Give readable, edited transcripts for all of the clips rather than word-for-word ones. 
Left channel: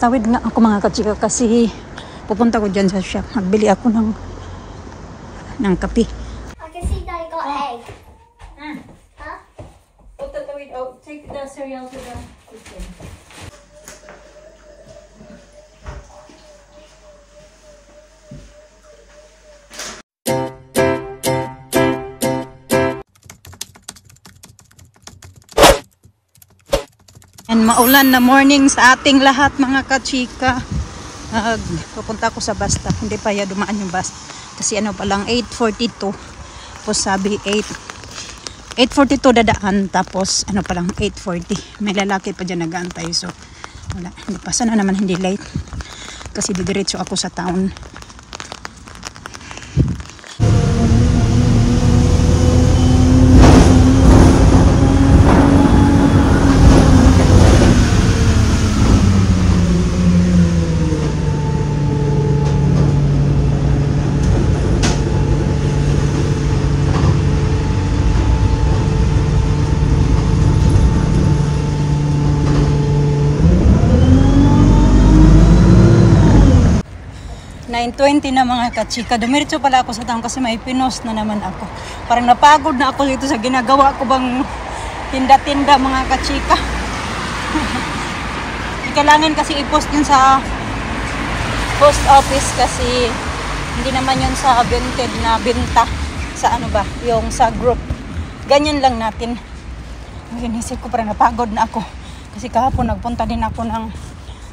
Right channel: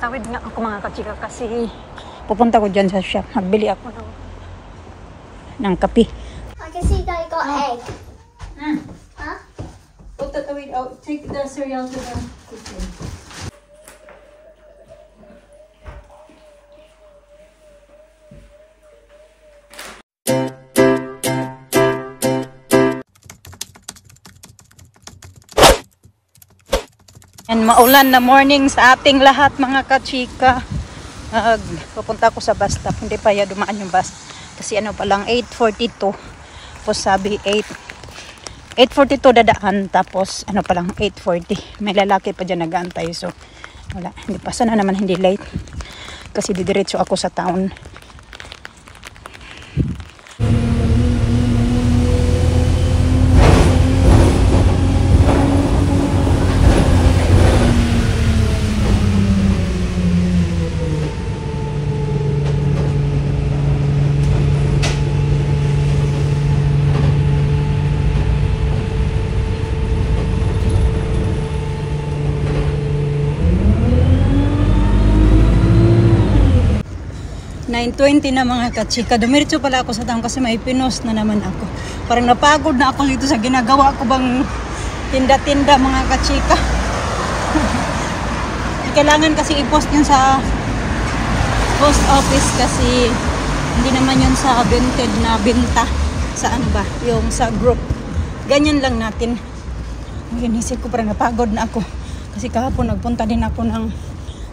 Tawid nga ako mga kachika kasi pupunta ko dyan sa shop. Magbili ako ng kape. I can see they got egg. Huh? Tawid, take the cereal to the kitchen. And maulan na morning sa ating lahat mga kachika. Pupunta ako sa bus stop. Hindi pa ya dumaan yung bus. Kasi ano pa lang 8:42. Tapos sabi 8:42 dadaan. Tapos ano pa lang 8:40. May lalaki pa dyan nag-aantay. So wala. Hindi pa. Sana naman hindi late. Kasi didiretso ako sa town. 9:20 na mga kachika. Dumiretso pala ako sa town kasi may pinos na naman ako. Parang napagod na ako dito sa ginagawa ko bang tinda-tinda mga kachika. Kailangan kasi i-post yun sa post office kasi hindi naman yun sa vented na binta sa ano ba, yung sa group. Ganyan lang natin. Ngayon isip ko parang napagod na ako. Kasi kahapon nagpunta din ako ng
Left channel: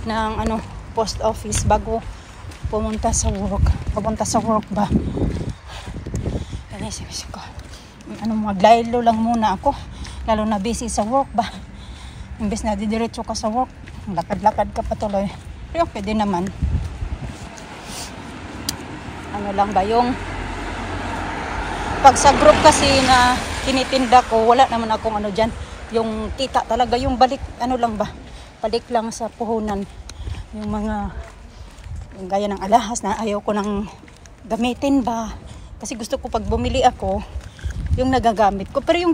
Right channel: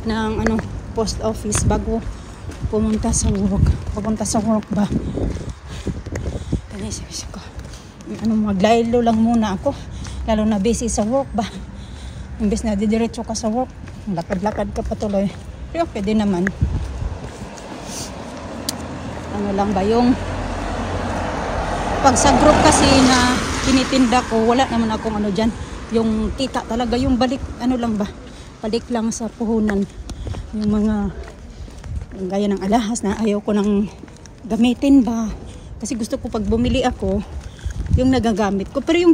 ano, post office bago pumunta sa work. Papunta sa work ba? Kaya isip ko, ano, maglaylo lang muna ako. Lalo na busy sa work ba? Imbes na didiretso ka sa work, lakad-lakad ka patuloy. Pero okay din naman. Ano lang ba yung pag sa group kasi na tinitinda ko, wala naman akong ano dyan. Yung kita talaga, yung balik, ano lang ba? Balik lang sa puhunan. Yung mga gaya ng alahas na ayaw ko nang gamitin ba. Kasi gusto ko pag bumili ako, yung nagagamit ko. Pero yung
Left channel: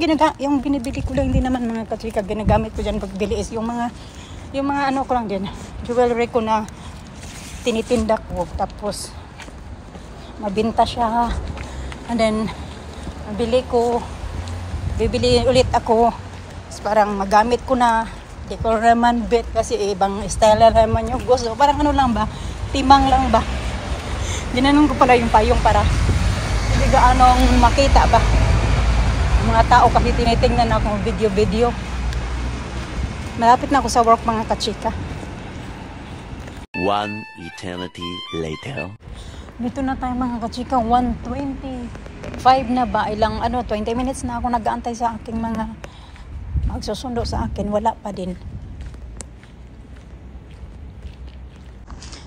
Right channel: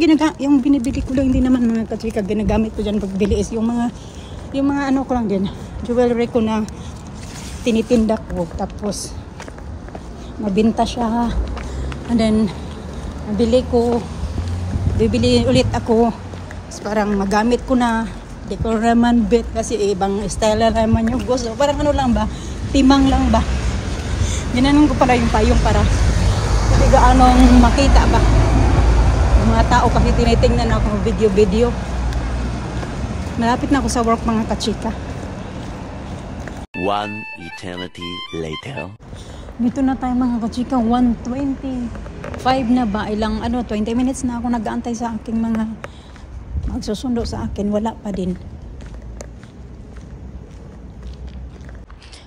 binibili ko lang, hindi naman mga kachika, ginagamit ko dyan pagbili is yung mga ano ko lang din, jewelry ko na tinitinda ko. Tapos, mabinta siya. And then, bibili ulit ako. Tapos parang magamit ko na. Di ko naman bet kasi ibang style naman yung gusto. Parang ano lang ba? Timang lang ba? Ginanon ko pala yung payong para hindi gaanong makita ba? Yung mga tao kasi tinitingnan ako video. Malapit na ako sa work mga kachika. One eternity later. Dito na tayo mga kachika. 1:25 na ba? Ilang 20 minutes na ako nag-aantay sa aking mga magsusundo sa akin. Wala pa din.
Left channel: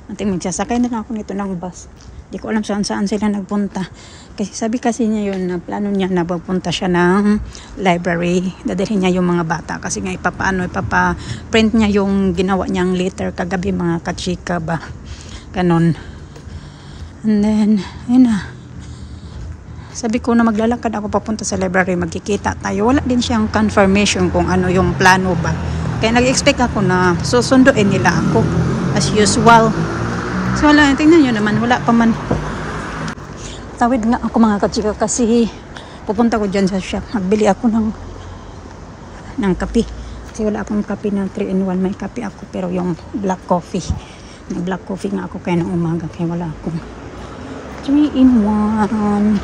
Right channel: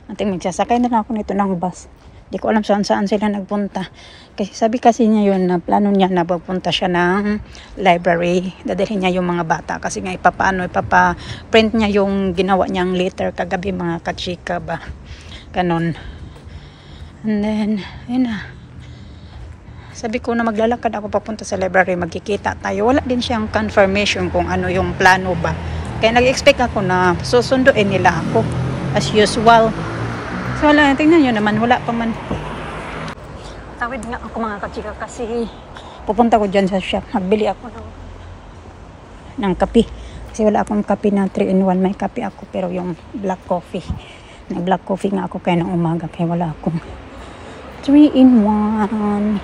Ating magsasakay na ako nito ng bus. Hindi ko alam saan sila nagpunta. Kasi sabi kasi niya yun na plano niya na magpunta siya ng library. Dadalhin niya yung mga bata. Kasi nga ipaprint niya yung ginawa niyang letter kagabi mga kachika ba. Ganon. And then, yun na. Sabi ko na maglalakad ako papunta sa library. Magkikita tayo. Wala din siyang confirmation kung ano yung plano ba. Kaya nag-expect ako na susunduin nila ako. As usual. So wala, tingnan nyo naman, wala pa man. Tawid nga ako mga kachika kasi pupunta ko dyan sa shop. Magbili ako ng kape. Kasi wala akong kape na 3-in-1. May kape ako pero yung black coffee. May black coffee nga ako kaya ng umaga. Kaya wala akong 3-in-1.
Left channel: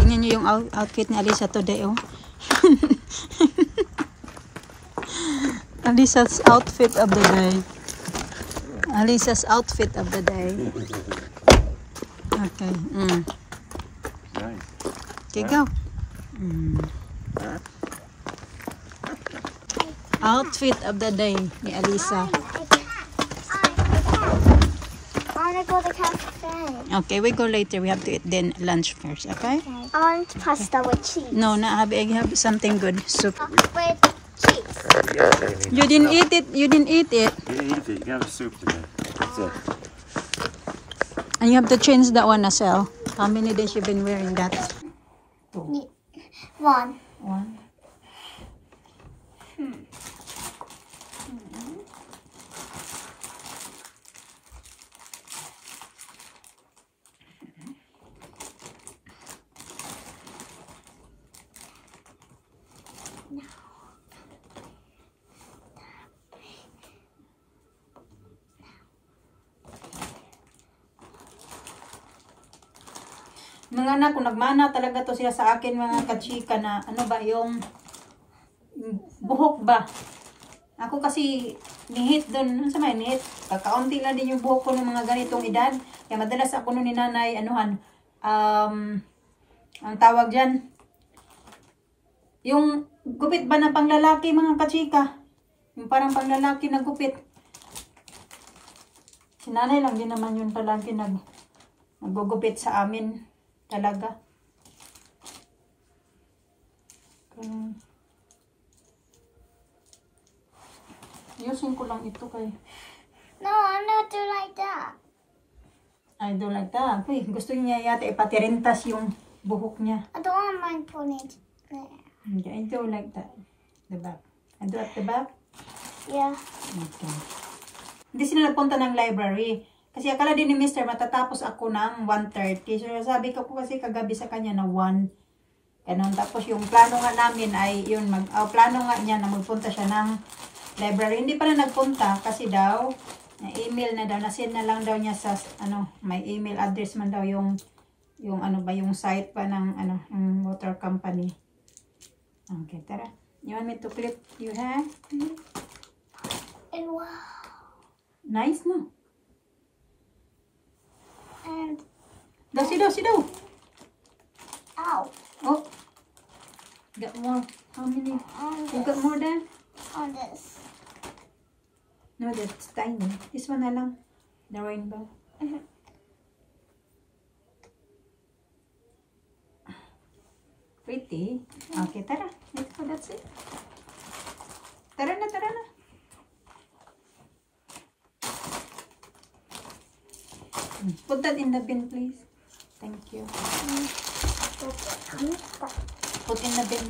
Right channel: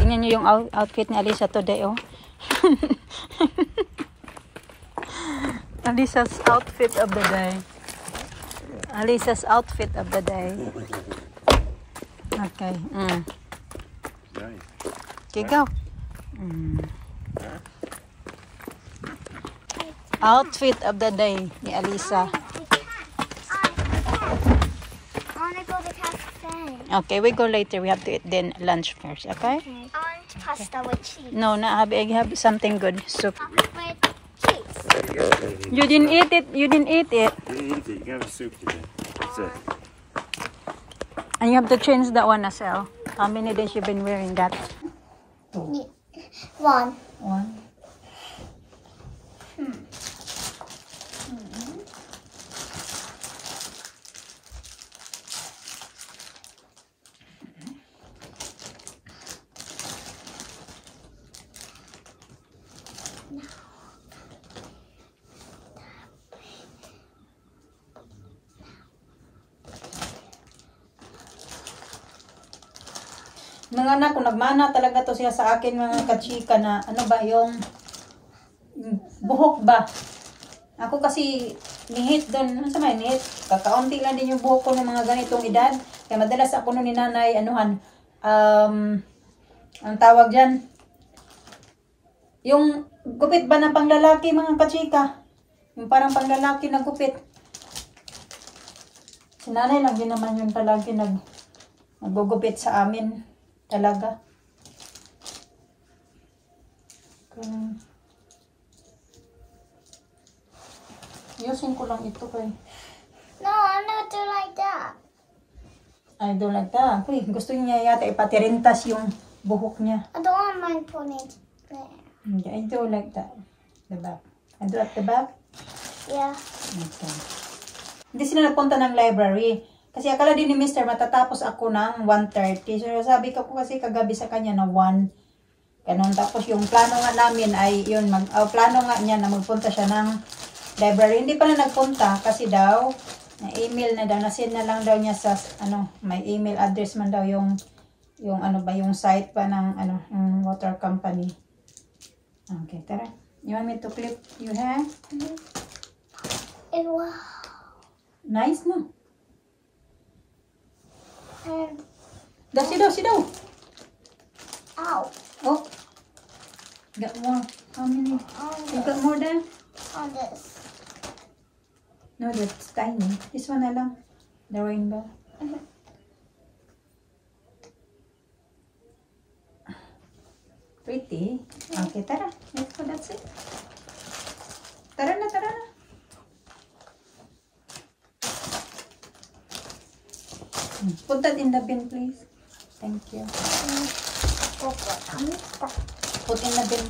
Tingnan nyo yung outfit ni Alisa today, oh. Alisa's outfit of the day. Alisa's outfit of the day. Okay. Okay, go. Outfit of the day ni Alisa. I want to go to the cafe. Okay, we go later. We have to eat then lunch first, okay? I want pasta with cheese. No, I have something good. Soup. With cheese. You didn't eat it. You didn't eat it. You didn't eat it. You have a soup today. That's it. And you have to change that one as well. How many days you've been wearing that? 1. Mga anak ko, nagmana talaga to sila sa akin, mga kachika, na ano ba, yung buhok ba? Ako kasi nihit doon, ano sa may nihit? Kakaunti lang din yung buhok ko ng mga ganitong edad. Kaya madalas ako nun ni nanay, anuhan, ang tawag dyan, yung gupit ba na panglalaki, mga kachika? Yung parang panglalaki na gupit. Si nanay lang din naman yun palagi naggugupit sa amin. Talaga. Ayusin ko lang ito kay. No, I don't do like that. I don't like that. Uy, gusto niya yata ipatirintas yung buhok niya. I don't want my ponytail there. I do like that. The back. I do at the back. Yeah. Okay. Hindi sila nagpunta ng library. Kasi akala din ni Mr. matatapos ako ng 1:30. So sabi ko po kasi kagabi sa kanya na 1. Ganun. Tapos yung plano nga namin ay yun. Plano nga niya na magpunta siya ng library. Hindi pa na nagpunta kasi daw na-email na daw. Na-send na lang daw niya sa may email address man daw yung ano ba yung site pa ng yung water company. Okay, tara. You want me to clip your hair? And wow. Nice, no? And Sit down. ow. Oh. Got more. How many? You got more there? On this. No, that's tiny. This one na lang. The rainbow. Pretty. Okay, tara. That's it. Tara na. Put that in the bin, please. Thank you. Put in the bin.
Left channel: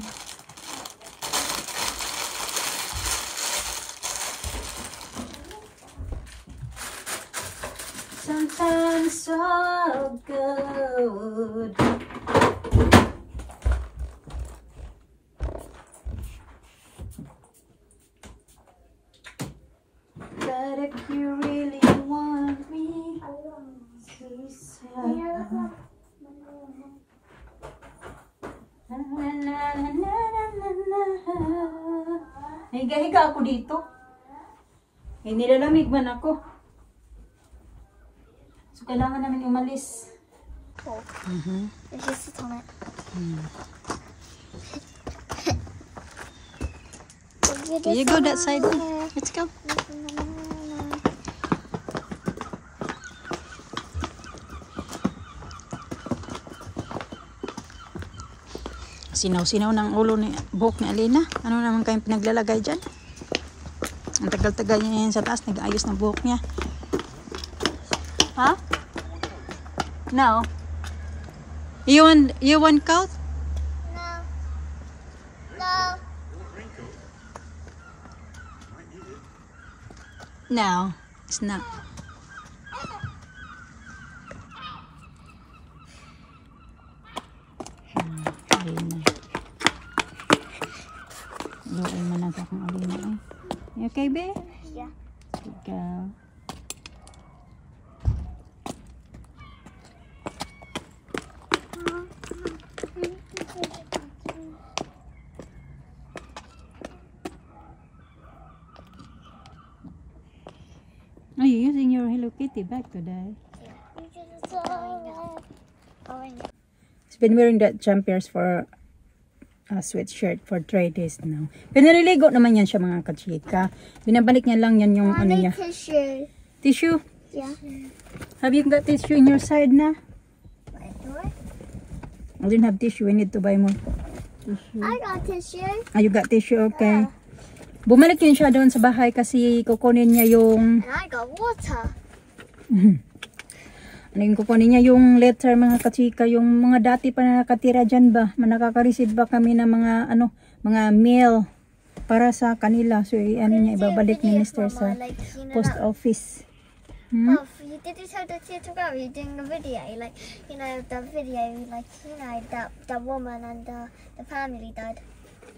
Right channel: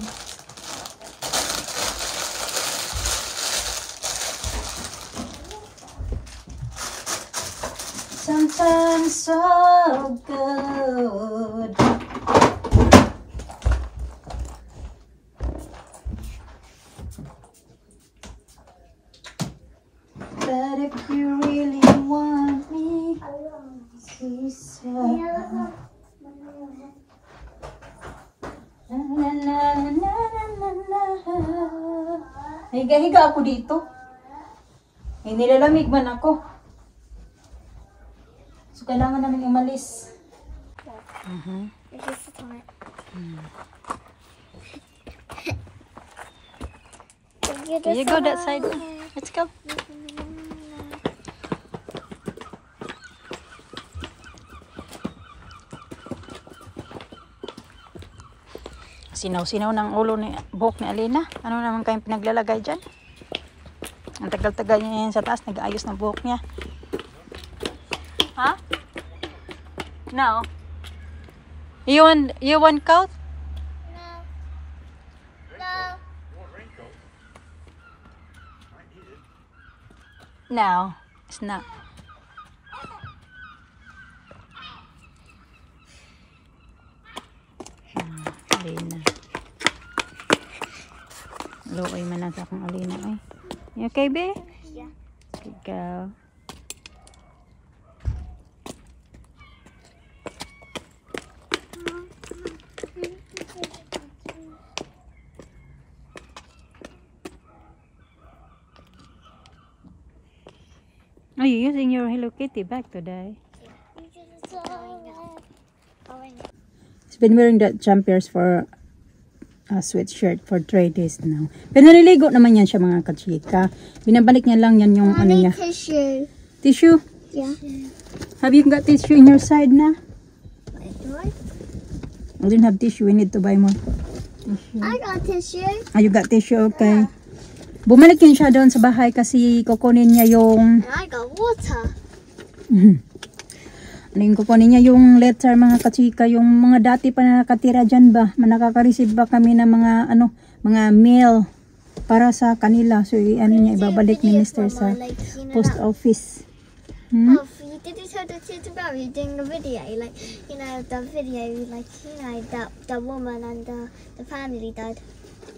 Sometimes so good. But if you really want me, she said, higa-higa ako dito. Nilalamig man ako. So, kailangan namin umalis. Just sit on it. Okay, you go that side. Let's go. Sinaw-sinaw ng ulo ni buhok ni Alina. Ano naman kayong pinaglalagay dyan? Ang tagal-tagal niya yan sa taas. Nag-aayos ng buhok niya. Ha? No. You want coat? No. No. No. It's not. Alina. Luoy man na sa akong Alina. Ay. You okay, be? Yeah. Ikaw. Are you using your Hello Kitty bag today? He's been wearing that jumpers for a sweatshirt for 3 days now. Pero naliligo naman yan siya, mga kachika. Binabalik niya lang yan yung ano niya. Tissue. Tissue? Yeah. Have you got tissue in your side na? What? I didn't have tissue. We need to buy more tissue. I got tissue. Oh, you got tissue? Okay. Bumalik yun siya doon sa bahay kasi kukunin niya yung... And I got water. Ano yung kukunin niya yung letter, mga kachika, yung mga dati pa na nakatira dyan ba? Nakaka-receive ba kami ng mga mga mail para sa kanila. So ano niya ibabalik ni Mr. sa post office. Oh, did you tell the kids about you doing a video? Like, you know, the video, like, you know, that the woman and the family died.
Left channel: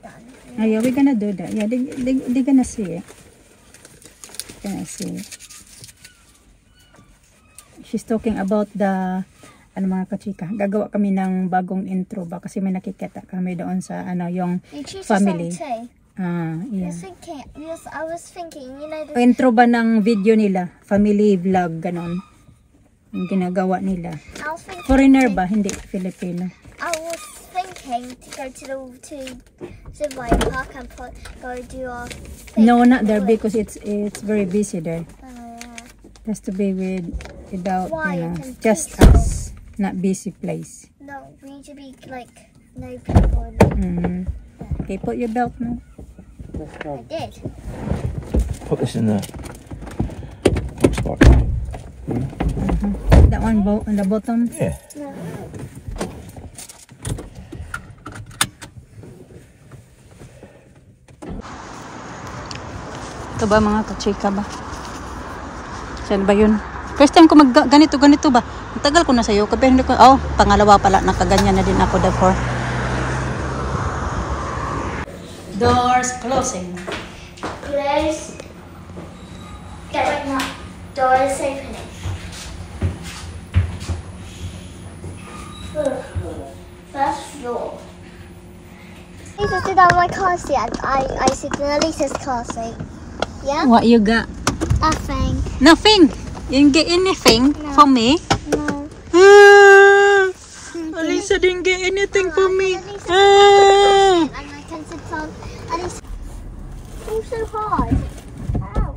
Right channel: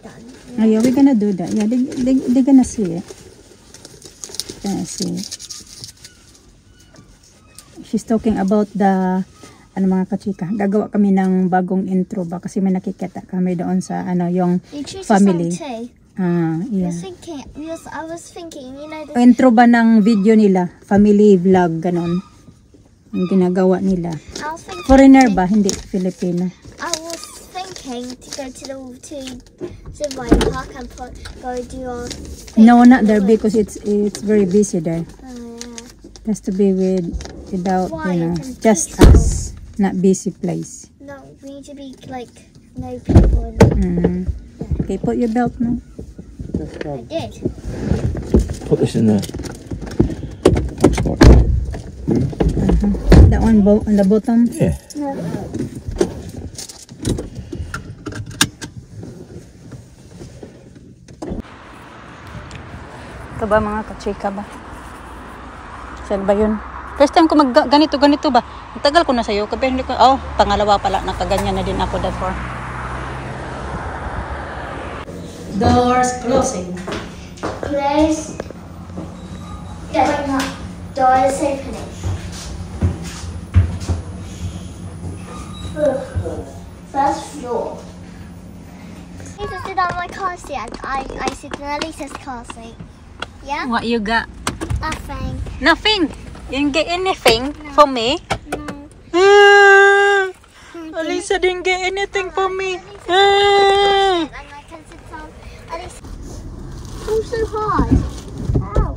Done. Oh yeah, we're gonna do that. Yeah, they're gonna see it. Gonna see it. She's talking about the mga kachika, gagawa kami ng bagong intro ba kasi may nakikita kami doon sa yung You choose family. a song too. Yeah. I was thinking, you know, Intro ba ng video nila, family vlog ganon. Yung ginagawa nila. I was thinking Foreigner ba, hindi Filipino. I was thinking to go to Zimway Park and go do our thing. No, not there because it's very busy there. Oh, yeah. It has to be without, Quiet and just peaceful. us, not busy place. No, we need to be like no people. Okay, put your belt now. I did. Put this in there. That one on the bottom. Yeah. No. Ito ba mga kachika ba? Saan ba yun? First time ko ganito ba? Ang tagal ko na sa'yo. Pero hindi ko, pangalawa pala. Nakaganyan na din ako before. Doors closing. Close. Getting up. Door is opening. First floor. Lisa sit on my car seat and I sit in Elisa's car seat. Yeah? What you got? Nothing. Nothing. You didn't get anything No. for me? No. Alisa didn't get anything for me. And I can sit on Elisa. Oh, so hard. Ow.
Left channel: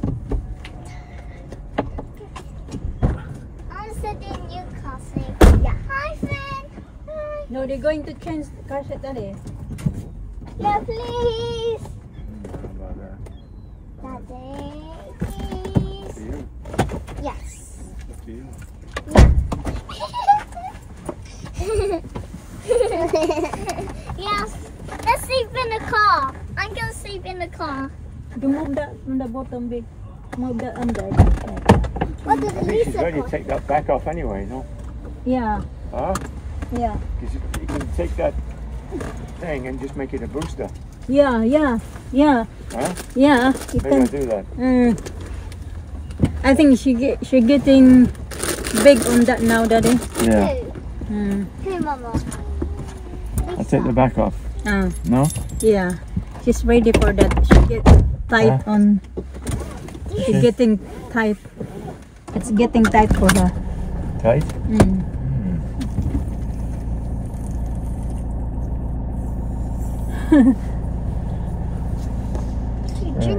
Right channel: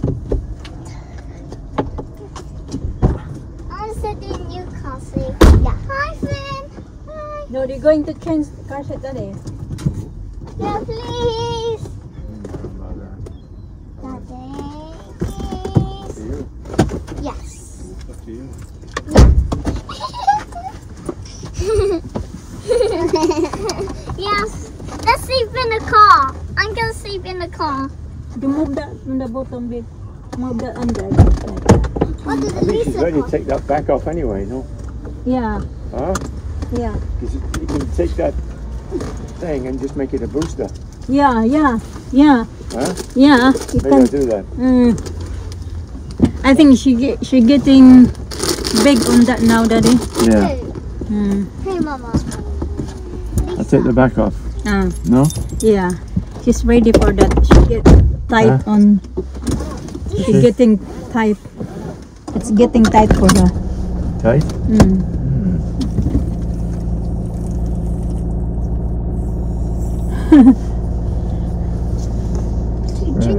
I'll sit in your car seat. Yeah. Hi, friend. Hi. No, they're going to change car seat today. Yeah, please. Daddy, please. Yes. Yes. Let's sleep in the car. I'm gonna sleep in the car. You move that on the bottom bit. Move that under. What did I think she's Elisa ready to car? take that back off anyway, no? Yeah, Huh? yeah. Because you can take that thing and just make it a booster. Yeah. Huh? Yeah, you Maybe can. I'll do that. I think she getting big on that now, Daddy. Yeah. Who? Who, Mama? I'll take the back off. No? Yeah, she's ready for that. She get tight Huh? on. She's getting tight. It's getting tight for her. Tight?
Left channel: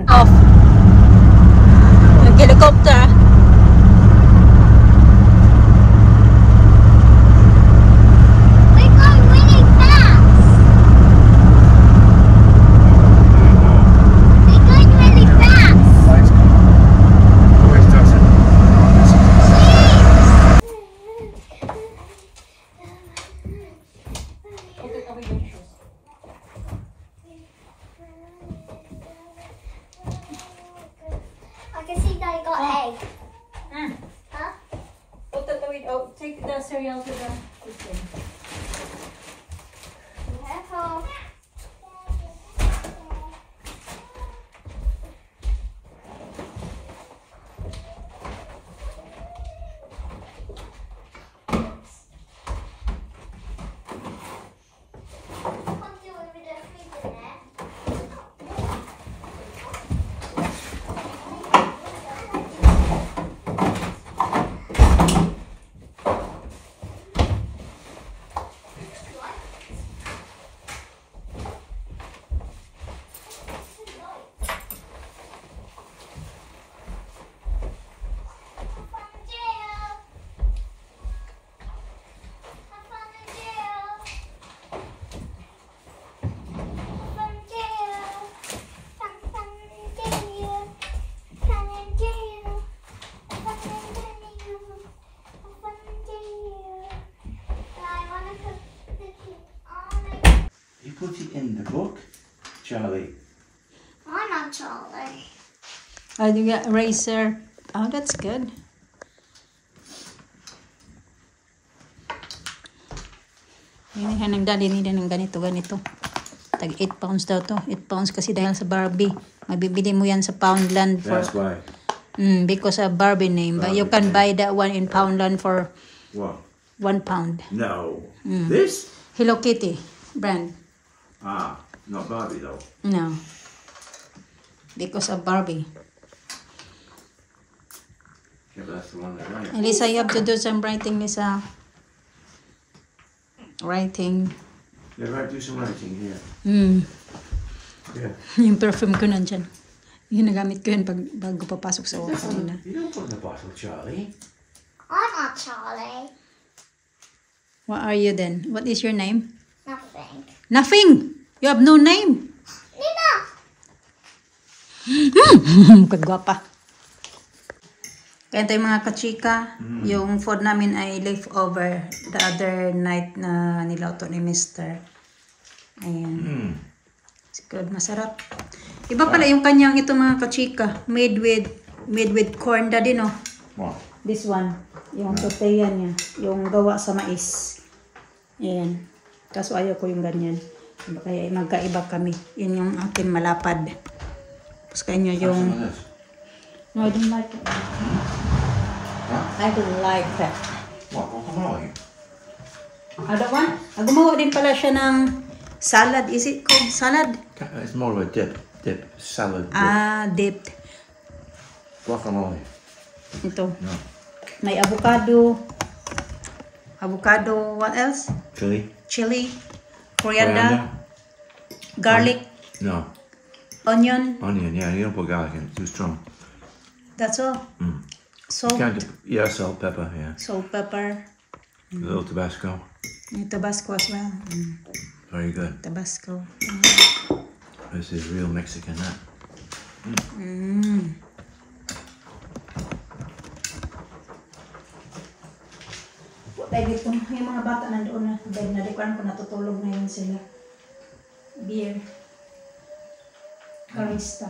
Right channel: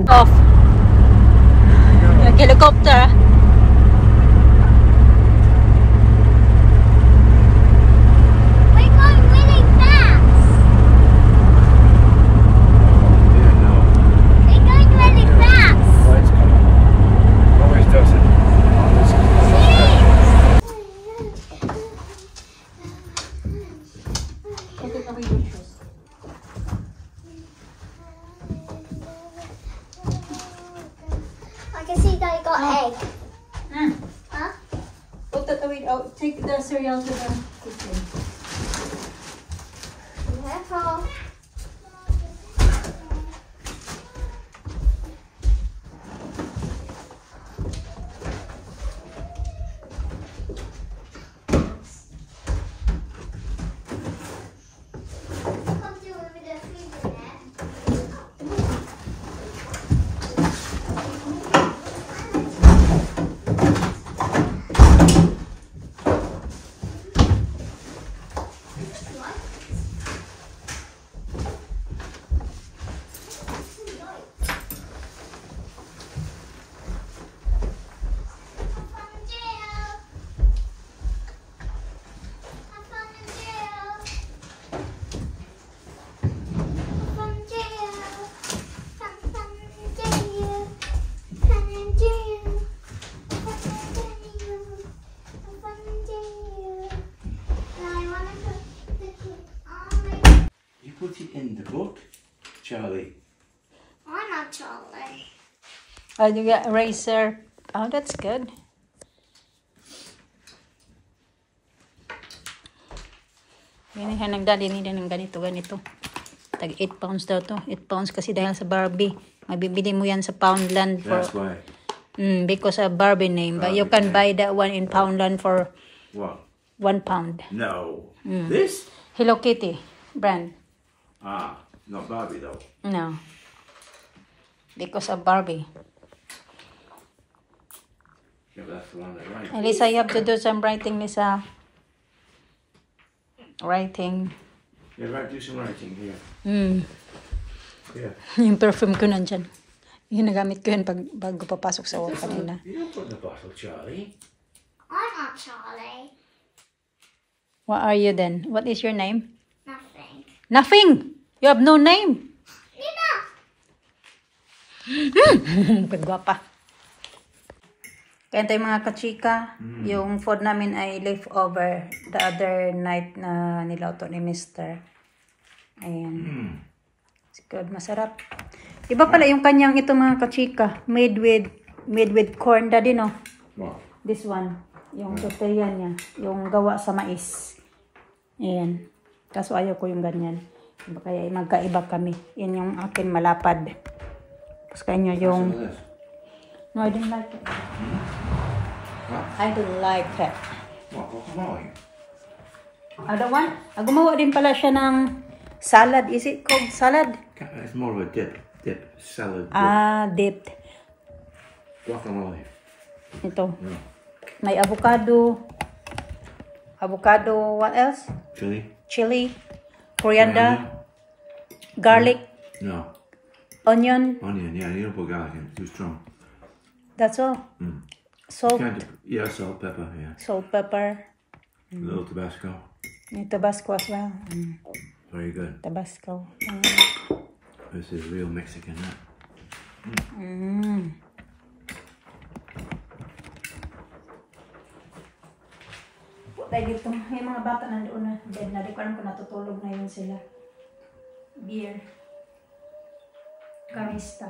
Off. Helicopter. We're going really fast. We're going really fast. Lights go. Always does it. Oh, this is I can see that you got egg. Huh? Take the cereal to the kitchen. Careful. You put it in the book, Charlie. I'm not Charlie. Oh, you got eraser. Oh, that's good. Binihan ng daddy nila ng ganito. Tag 8 pounds daw to. 8 pounds kasi dahil sa Barbie. Mabibili mo yan sa Poundland for That's why. because of Barbie name. But you can buy that one in Poundland for What? 1 pound. No. This? Hello Kitty brand. Ah, not Barbie though. No. Because of Barbie. Yeah, but that's the one that right. Lisa, you have to do some writing, Lisa. Writing. Yeah, right, do some writing here. Yeah. Yung perfume ko nandyan. Yung nagamit ko yun bago papasok sa work kanina. You don't put in the bottle, Charlie. I'm not Charlie. What are you then? What is your name? Nothing. Nothing! You have no name! Nina! Kagwapa. Kaya tayo mga kachika, yung food namin ay leftover the other night na niluto ni Mr. Ayan. It's good, masarap. Iba pala yung kanyang ito mga kachika, made with corn daddy, no? What? This one, yung tortilla niya, yung gawa sa mais. Ayan. Kaso ayaw ko yung ganyan. Kaya magkaiba kami. Yan yung akin malapad. Tapos kanya yung... No, I don't like it. Huh? I don't like it. What? Guacamole? Other one? Gumawa din pala siya ng salad. Is it called salad? It's more of a dip. Salad dip. Ah, dipped. Guacamole. Ito. May avocado. Avocado, what else? Chili. Coriander. Garlic. No. Onion. Onion, yeah, you don't put garlic in, it's too strong. That's all. Salt. Yeah, salt, pepper, yeah. Salt, pepper. A little Tabasco. And Tabasco as well. Very good. Tabasco. This is real Mexican, that. Dahil dito, yung mga bata nandoon na. Dahil nadikuan ko natutulog na yun sila. Beer. Carista.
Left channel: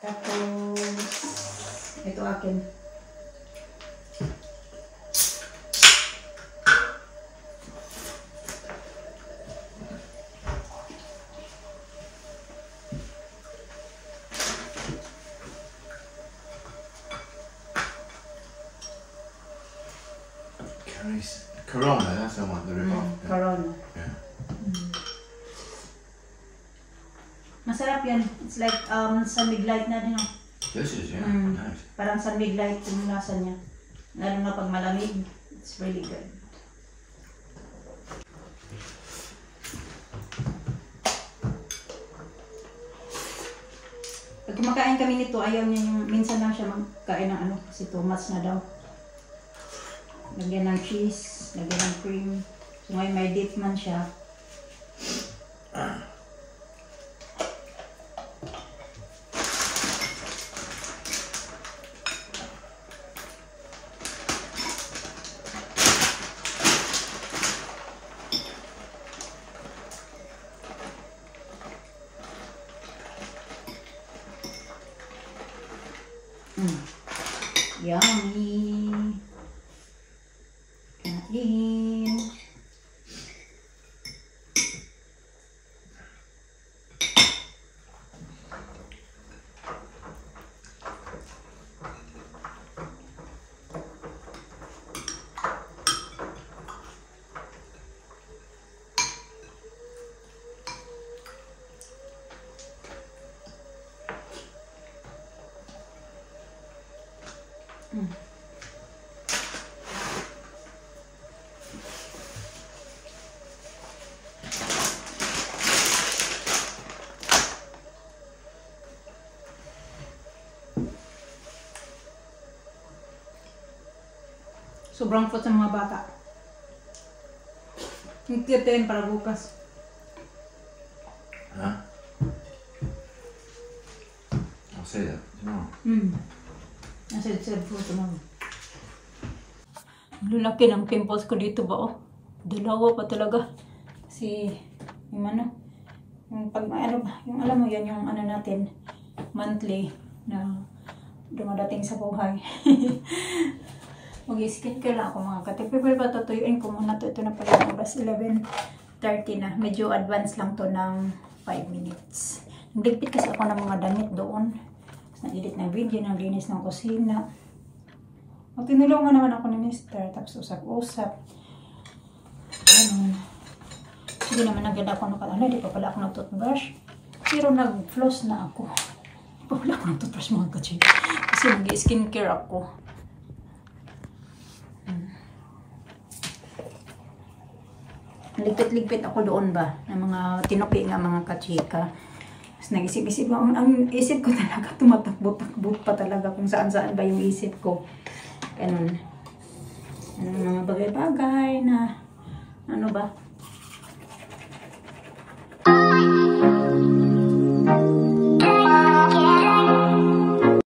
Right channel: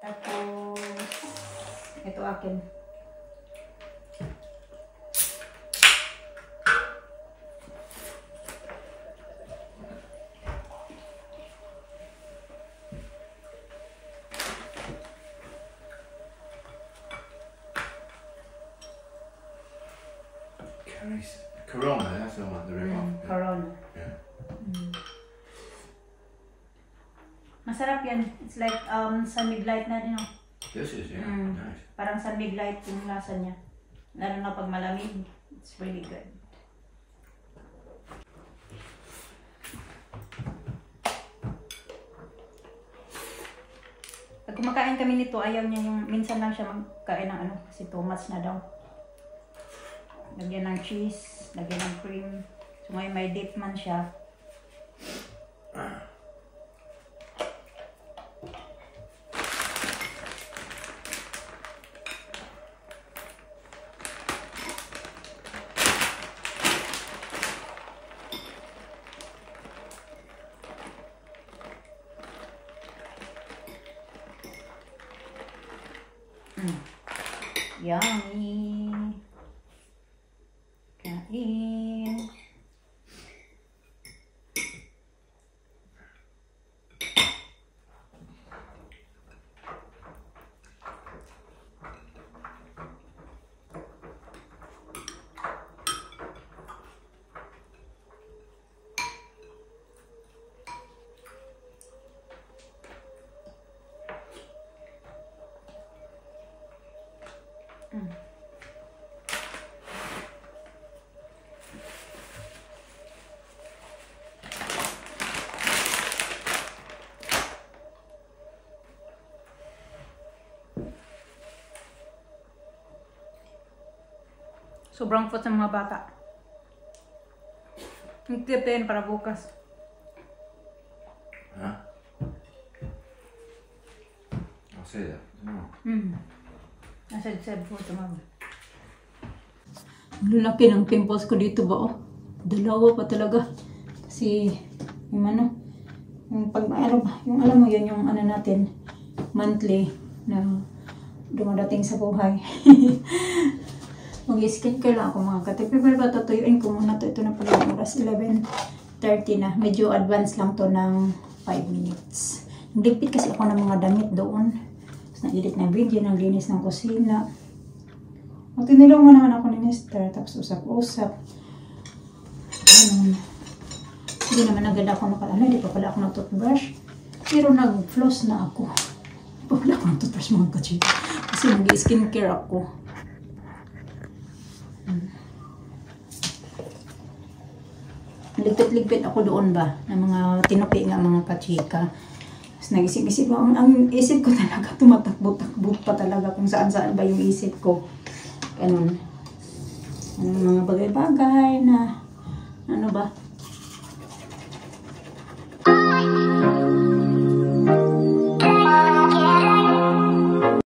Tapos, ito akin. Corona, that's the one, the rip-off. Corona. Yeah. Masarap yan. It's like San Light na din. Oh. This is, yeah. Nice. Parang San Light yung lasa niya. Lalo na pag malamig. It's really good. Pag kumakain kami nito, ayaw niya yung minsan lang siya magkain ng ano kasi too much na daw. Lagyan ng cheese, lagyan ng cream. So may dip man siya. Yummy! Kain! Sobrang food sa mga bata. Nagtipin para bukas. Huh? I'll say that tomorrow. Nasa food tomorrow. Lalaki ng pimples ko dito ba, oh. Dalawa pa talaga. Kasi, yung ano, yung pag, ano ba, yung alam mo yun, yung ano natin, monthly, na dumadating sa buhay. Mag-skincare lang ako mga katipi. Pero patutuyuin ko muna to. Ito na pala yung oras. 11:30 na. Medyo advance lang to ng 5 minutes. Nagligpit kasi ako ng mga damit doon. Tapos nag-edit ng video. Naglinis ng kusina. Tinulungan naman ako ni Mr. Tapos usap-usap. Ganun. Hindi naman agad ako nakaalala. Di pa pala ako nag-toothbrush. Pero nag-floss na ako. Di pa pala ako nag-toothbrush mga kachika. Kasi mag-skincare ako. Ligpit-ligpit ako doon ba ng mga tinukli nga mga kachika. Tapos nag-isip-isip ako. Ang isip ko talaga tumatakbo-takbo pa talaga kung saan-saan ba yung isip ko. Ganun. Mga bagay-bagay na ano ba